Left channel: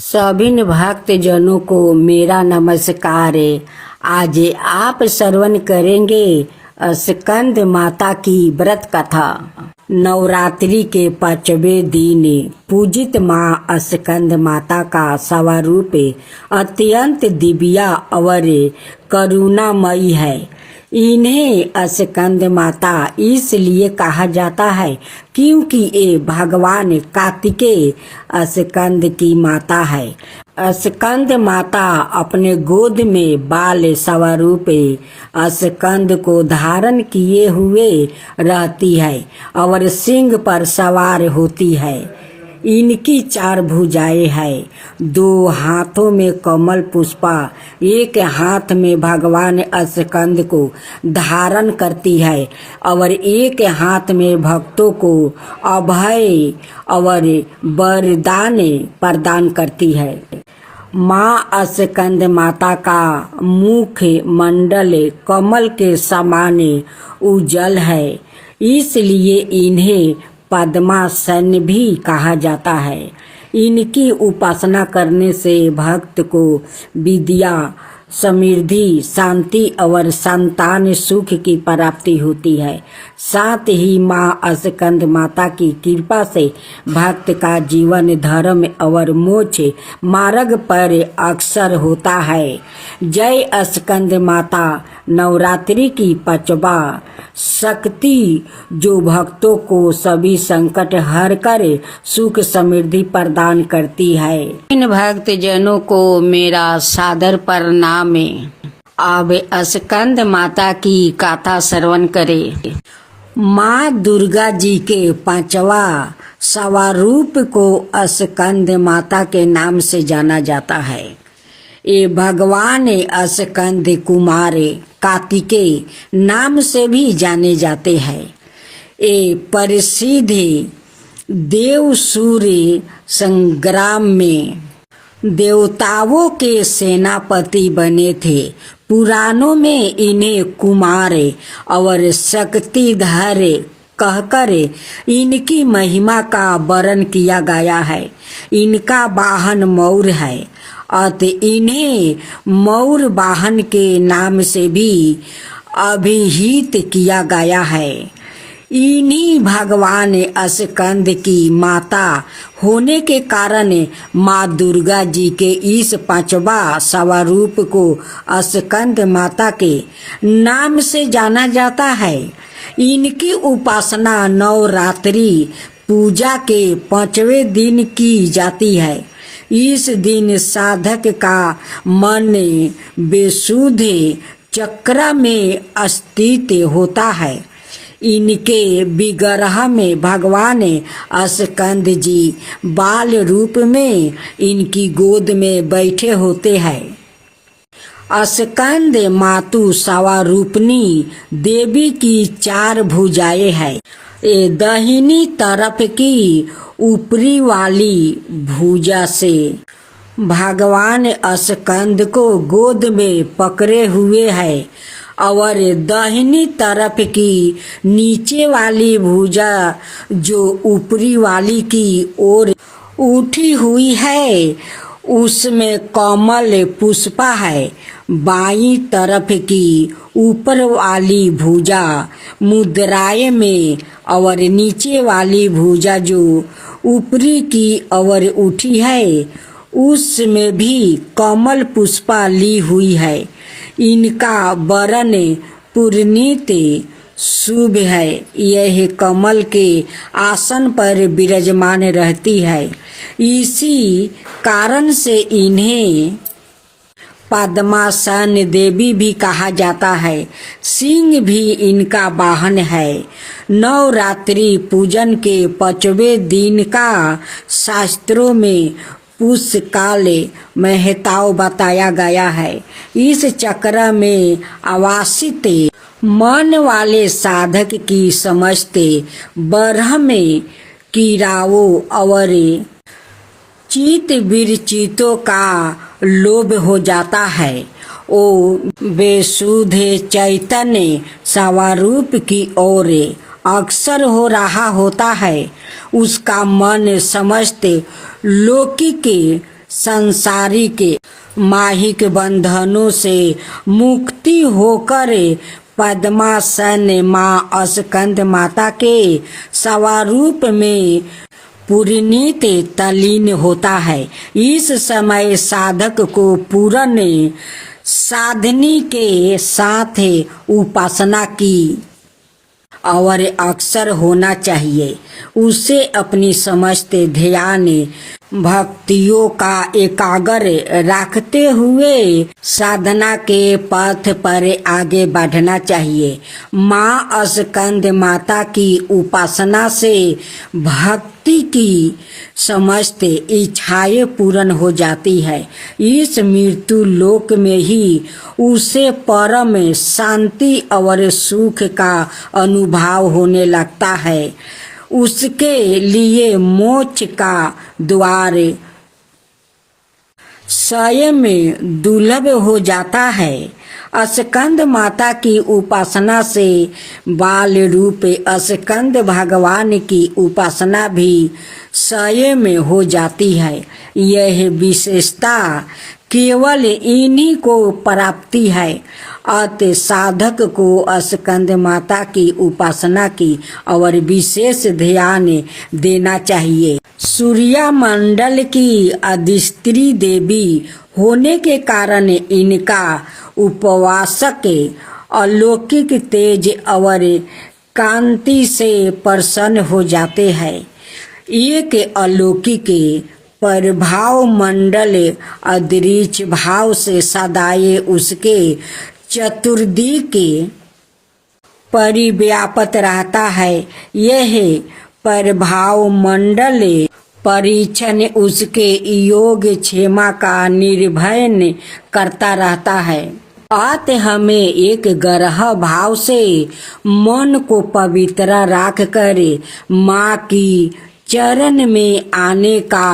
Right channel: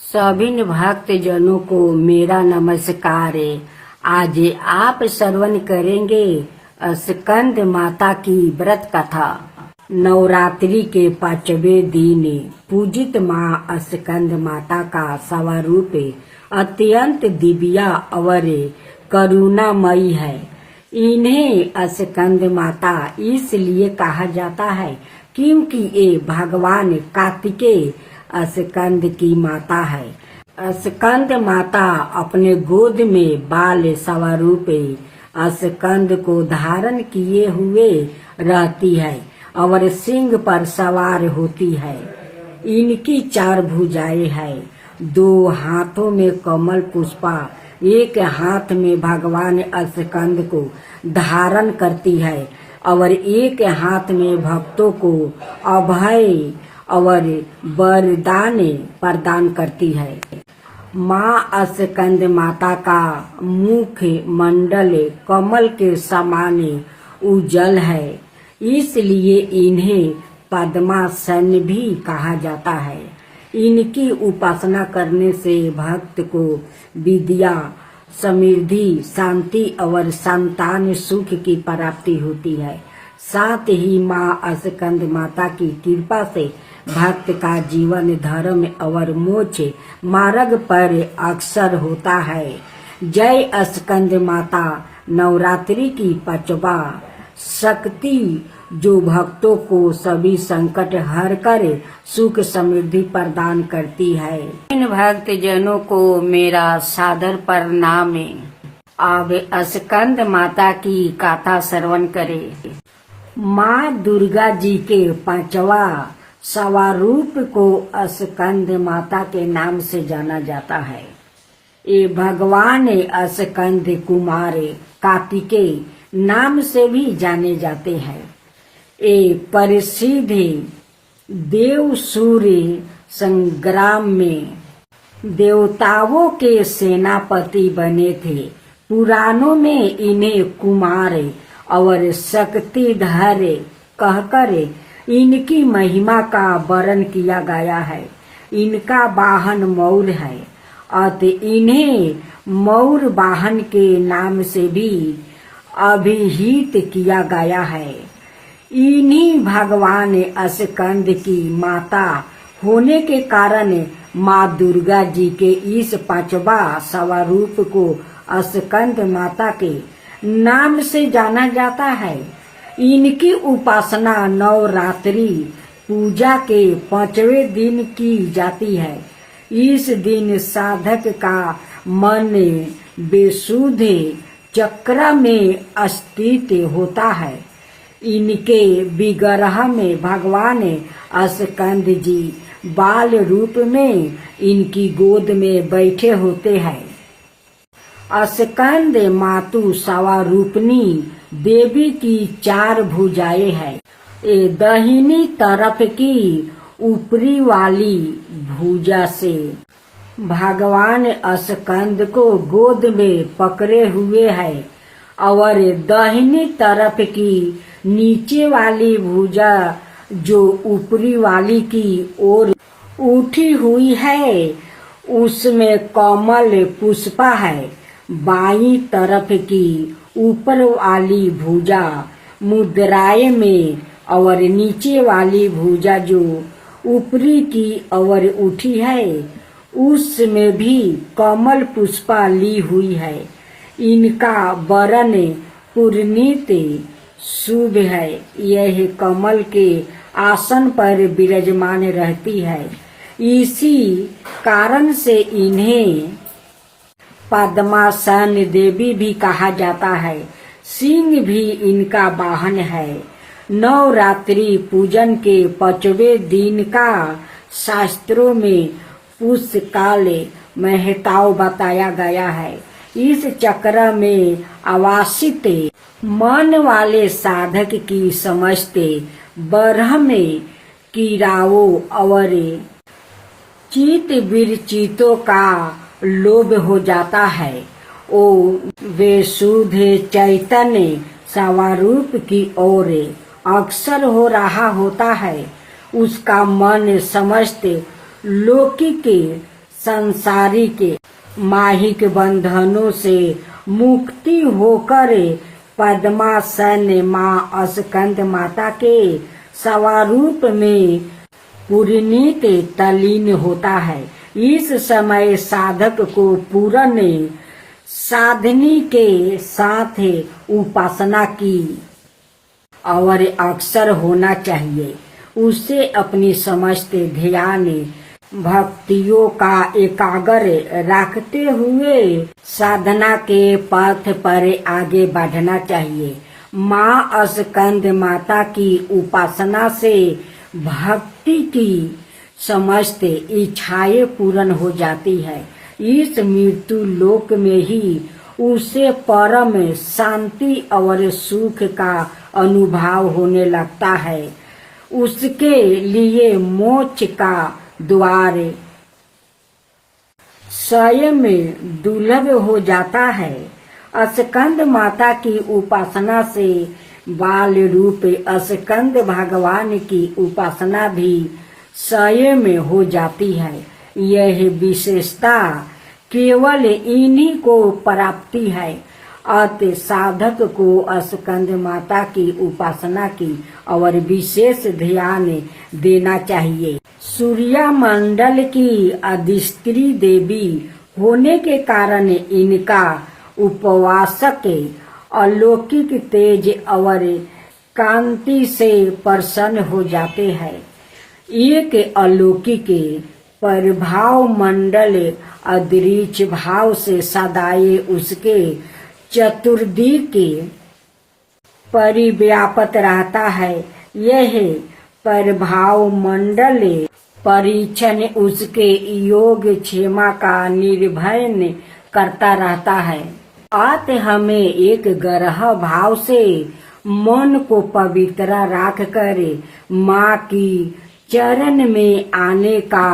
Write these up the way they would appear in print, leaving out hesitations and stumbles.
सभी भक्त जनों को मेरा नमस्कार। आज आप श्रवण करेंगे स्कंद माता की व्रत कथा। नवरात्रि के 5वें दिन पूजित माँ स्कंद माता का स्वरूप अत्यंत दिव्य और करुणामयी है। इन्हें स्कंद माता इसलिए कहा जाता है क्योंकि ये भगवान कार्तिकेय स्कंद की माता है। स्कंद माता अपने गोद में बाल स्वरूप स्कंद को धारण किए हुए रहती है और सिंह पर सवार होती है। इनकी 4 भुजाएं हैं, 2 हाथों में कमल पुष्पा, एक हाथ में भगवान स्कंद को धारण करती है और एक हाथ में भक्तों को अभय और वरदान प्रदान करती है। माँ स्कंद माता का मुख मंडल कमल के समान उज्जवल है, इसलिए इन्हें पद्मासन भी कहा जाता है। इनकी उपासना करने से भक्त को विद्या, समृद्धि, शांति और संतान सुख की प्राप्ति होती है। साथ ही माँ स्कंद माता की कृपा से भक्त का जीवन धर्म और मोक्ष मार्ग पर अक्सर होता है। जय स्कंद माता। नवरात्रि की 5वां शक्ति जो भक्तों को सभी संकट हर कर सुख समृद्धि प्रदान करती है। इन भक्त जनों को मेरा सादर प्रणाम। अब स्कंद माता की गाथा श्रवण करें। माँ दुर्गा जी के 5वां स्वरूप को स्कंद माता के नाम से जाना जाता है। ये भगवान स्कंद कुमार कार्तिकेय नाम से भी जाने जाते हैं। ये प्रसिद्ध देव सूर्य संग्राम में देवताओं के सेनापति बने थे। पुराणों में इन्हें कुमार और शक्तिधर कहकर इनकी महिमा का वर्णन किया गया है। इनका वाहन मयूर है अतः इन्हें मयूर वाहन के नाम से भी अभिहित किया गया है। इन्हीं भगवान स्कंद की माता होने के कारण माँ दुर्गा जी के इस 5वां स्वरूप को स्कंद माता के नाम से जाना जाता है। इनकी उपासना नवरात्रि पूजा के 5वें दिन की जाती है। इस दिन साधक का मन बेसुध चक्र में स्थित होता है। इनके विग्रह में भगवान स्कंद जी बाल रूप में इनकी गोद में बैठे होते हैं। स्कंद मातु स्वरूपनी देवी की 4 भुजाएं हैं। ये दाहिनी तरफ की ऊपरी वाली भुजा से भगवान स्कंद को गोद में पकड़े हुए है और दाहिनी तरफ की नीचे वाली भुजा जो ऊपरी वाली की ओर उठी हुई है उसमें कमल पुष्पा है। बाईं तरफ की ऊपर वाली भुजा मुद्राएं में और नीचे वाली भुजा जो ऊपरी की ओर उठी है उसमें भी कमल पुष्पा ली हुई है। इनका वर्ण पुरनीत शुभ है। यह कमल के आसन पर विराजमान रहती है। इसी कारण से इन्हें पद्मासन देवी भी कहा जाता है। सिंह भी इनका वाहन है। नवरात्रि पूजन के 5वें दिन का शास्त्रों में पुष्यकाल महत्व बताया गया है। इस चक्र में आवासित मन वाले साधक की समस्त ब्रह्म कीड़ाओं और चित विरचितों का लोभ हो जाता है। ओ बेसुध चैतन्य स्वरूप की ओर अक्सर हो रहा होता है, उसका मन समस्त लौकिक संसारिक माहिक बंधनों से मुक्ति होकर पद्मासन माँ स्कंद माता के स्वरूप में पूर्णित तल्लीन होता है। इस समय साधक को पूर्ण साधनी के साथ उपासना की और अक्सर होना चाहिए। उसे अपनी समस्त ध्यान भक्तियों का एकाग्र रखते हुए साधना के पथ पर आगे बढ़ना चाहिए। माँ स्कंद माता की उपासना से भक्ति की समस्त इच्छाएं पूर्ण हो जाती है। इस मृत्यु लोक में ही उसे परम शांति और सुख का अनुभव होने लगता है। उसके लिए मोक्ष का द्वार स्वयं दुर्लभ हो जाता है। स्कंद माता की उपासना से बाल रूप स्कंद भगवान की उपासना भी स्वयं हो जाती है। यह विशेषता केवल इन्हीं को प्राप्ति है। अतः साधक को स्कंद माता की उपासना की और विशेष ध्यान देना चाहिए। सूर्य मंडल की अधिष्ठी देवी होने के कारण इनका उपवासक अलौकिक तेज और कांति से प्रसन्न हो जाते हैं। एक अलौकिक प्रभाव मंडल अदृश्य भाव से सदाए उसके चतुर्दिक परिव्याप्त रहता है। यह प्रभाव मंडल परीक्षण उसके योग क्षेमा का निर्भय करता रहता है। अतः हमें एक ग्रह भाव से मन को पवित्र रख कर माँ की चरण में आने का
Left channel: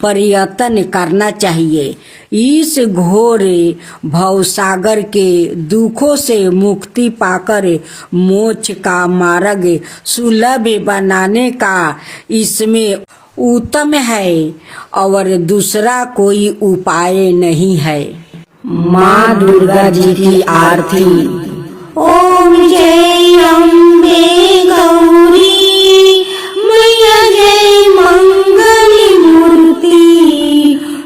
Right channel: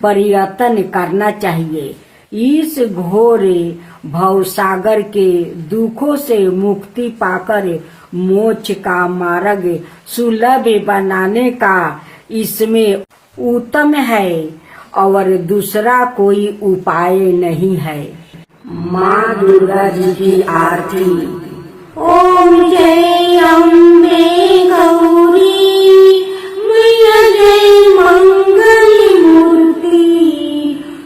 प्रयत्न करना चाहिए। इस घोर भवसागर के दुखों से मुक्ति पाकर मोक्ष का मार्ग सुलभ बनाने का इसमें उत्तम है और दूसरा कोई उपाय नहीं है। माँ दुर्गा जी की आरती। ओम जय अम्बे गौरी मैया जय मंगली मूर्ति,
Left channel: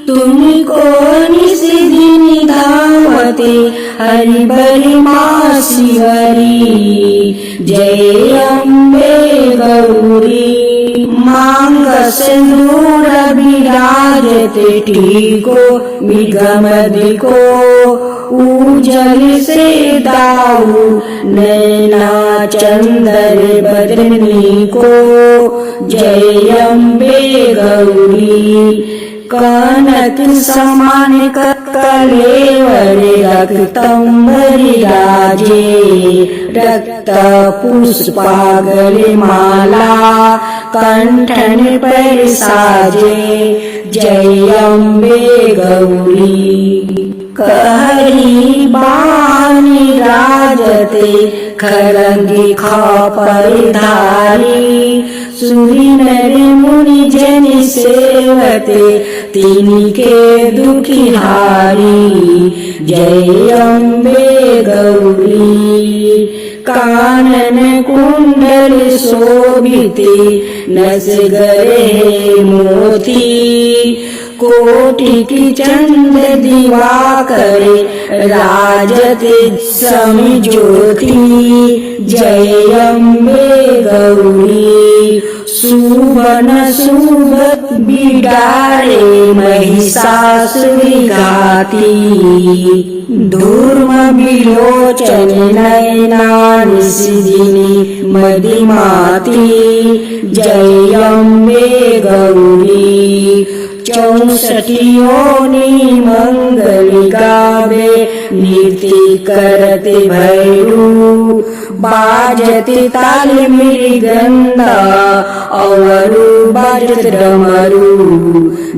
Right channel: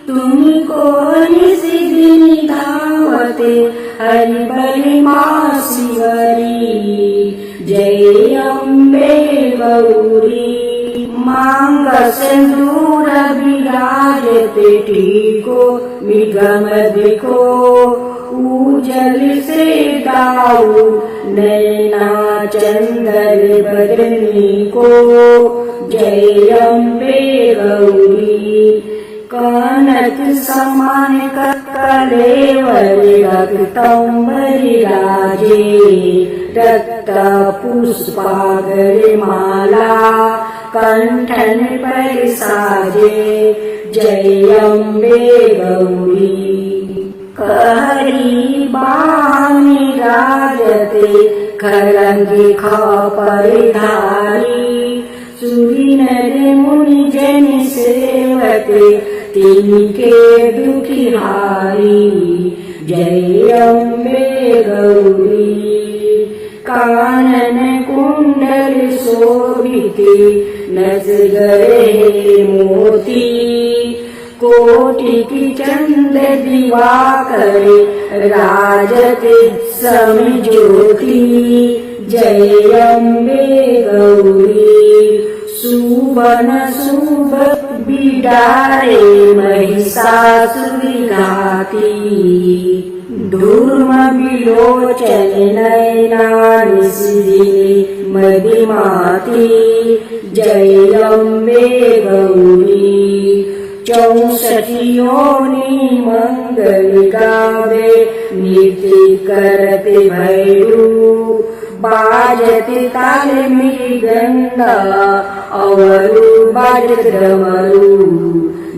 तुमको निस दिन धावते हरि बरि माँ शिवरी। जय अम्बे गौरी मांग सिंदूर विराजते टीको मृगमद को, उजल से दाऊ नैना चंदर बदनी को। जय अम्बे गौरी कनक समान कलेवर रक्तंबरी राजे, रक्त पुष्पागल माला कंठन पर साजे। जय अम्बे गौरी कहरी बानी राजते खरंगी खापर धारी, सुरी नर मुनि जन सेवते तिनके दुखिहारी। जय अम्बे गौरी कानन कुंडल शोभिते नस गरे मोती, कोटि की चंद दिवाकर राजते समज्योति। जय अम्बे गौरी सुवन शुभ बिडारे महिषासुरी घाती, धूर्म विलोचन नयना निशिदिनी मदिमाती। जय अम्बे गौरी 64 योनि मंगल गावे नीति करते भैरू, बाजते ताल मृदंगा और बजत डमरू।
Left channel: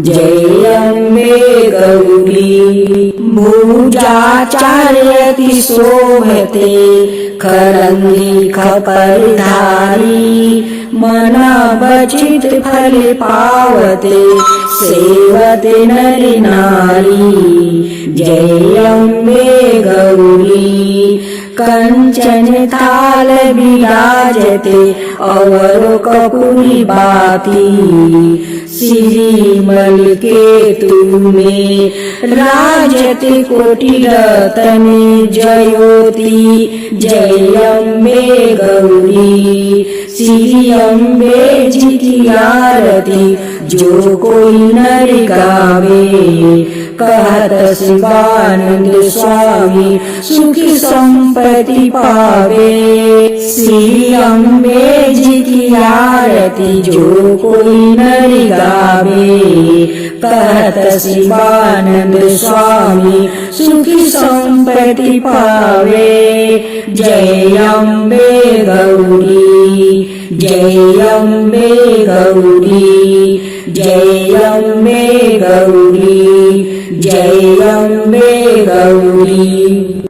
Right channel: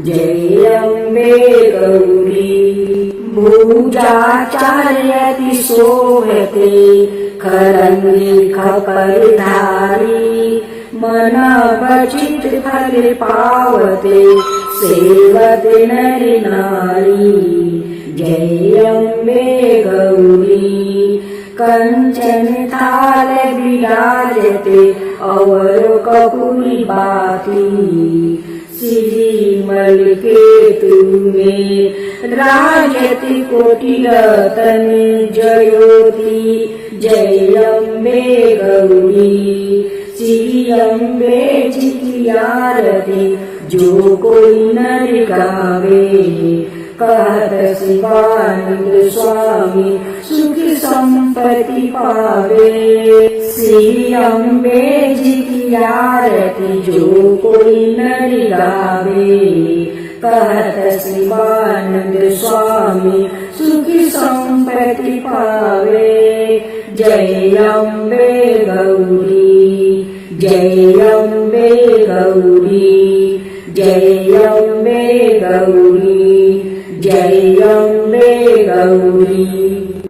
जय अम्बे गौरी भुजाचार्यति शोभते खरंगी खपरधारी मन वचित फल पावते सेवते नरि नारी जय अम्बे गौरी कंचन थाल विराजते अवर कपूरी बाती श्रीमल के तुम्हें राजते कोटि रतन जयोति जय अम्बे गौरी श्री अम्बे जी की आरती जो कोई नर गावे कहत शिवानंद स्वामी सुखी संपत्ति पावे श्री अम्बे जी की आरती जो कोई नर गावे कहत शिवानंद स्वामी सुखी संपत्ति पावे जय अम्बे गौरी जय अम्बे गौरी जय अम्बे गौरी जय अम्बे गौरी।